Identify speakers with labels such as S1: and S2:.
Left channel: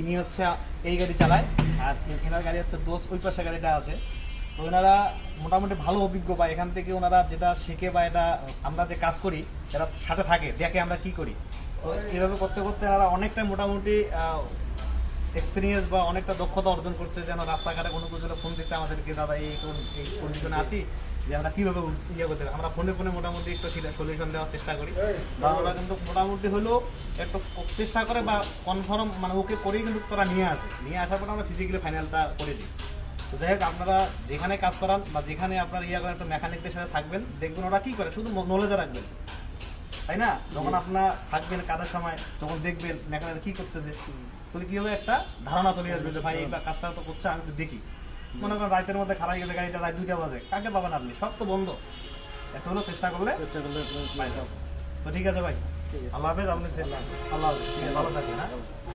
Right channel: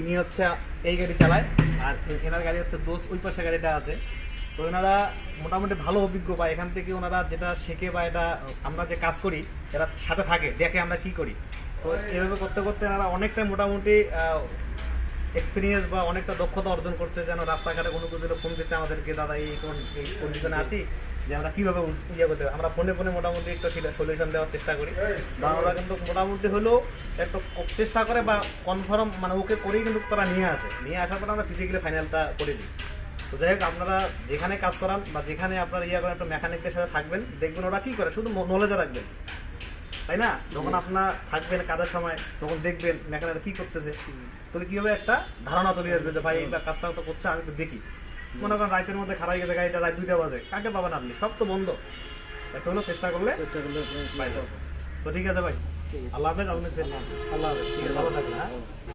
S1: ইনি হচ্ছে এই গাড়ি চালায় আর এনার গাড়ি হচ্ছে দোষ ওই পাশে গাড়িটা আছে তো ওনারা মোটামুটি ভালো অভিজ্ঞ বা এখান থেকে ওনারা যেটা শেখে বা এটা আমরা যে কাজ করি এরা সাথে থাকে দেখে আমরা কি করি তো এভাবে করতে করতে এনারা অনেকটা মোটামুটি এক্সপিরিয়েন্স বা অনেকটা দক্ষতা অর্জন করছে যেন রাস্তাঘাটে কোনো কিছু ফোন দিচ্ছে, আমাদেরকে, দাদা, এই এই কন্ডিশনে আছি যে আমরা কীভাবে ইয়ে করতে। আমরা ফোনে ফোনে মোটামুটি একটা সলিউশন দেওয়ার চেষ্টা করি। বা ওরা কিন্তু মোটামুটি হলেও একটু চেষ্টা করে বা কনফার্ম মানে ওকে করেই কিন্তু তারা নিয়ে আসে। নিয়ে আসার পরে আমরা ফিজিক্যালি ফাইনালটা করে দিই। তো যাই হোক, আপনারা যেখানে কাজ করান বা যেখানে আপনারা ইয়ে করেন একটা মেকানিকদের সাথে থাকবেন, দেখবেন ওরা কী করে? শুধু নলেজে রাখবেন। তাই না? যখন আপনার থাকবেন কাজের সময় তখন দেখবেন মেকানিক কি করতেছে। তাহলে কি হবে? একটা ধারণা চলে আসবে যে ভাই এই কাজটা তো করছে আমি একটু দেখি। মনে করেন রাতের মধ্যে খারাপ গেছে গাড়িটা রাত দুইটা বাজে। কাকে পাবেন আপনি? সব তো বন্ধ। এটা হলো চেষ্টা করলে
S2: চেষ্টা করলে
S1: তো ঠিক আছে ভাই। আল্লাহ হাফেজ আপনি চেষ্টা আল্লাহ হাফেজ। ঠিক আছে ভালো থাকবেন হ্যাঁ?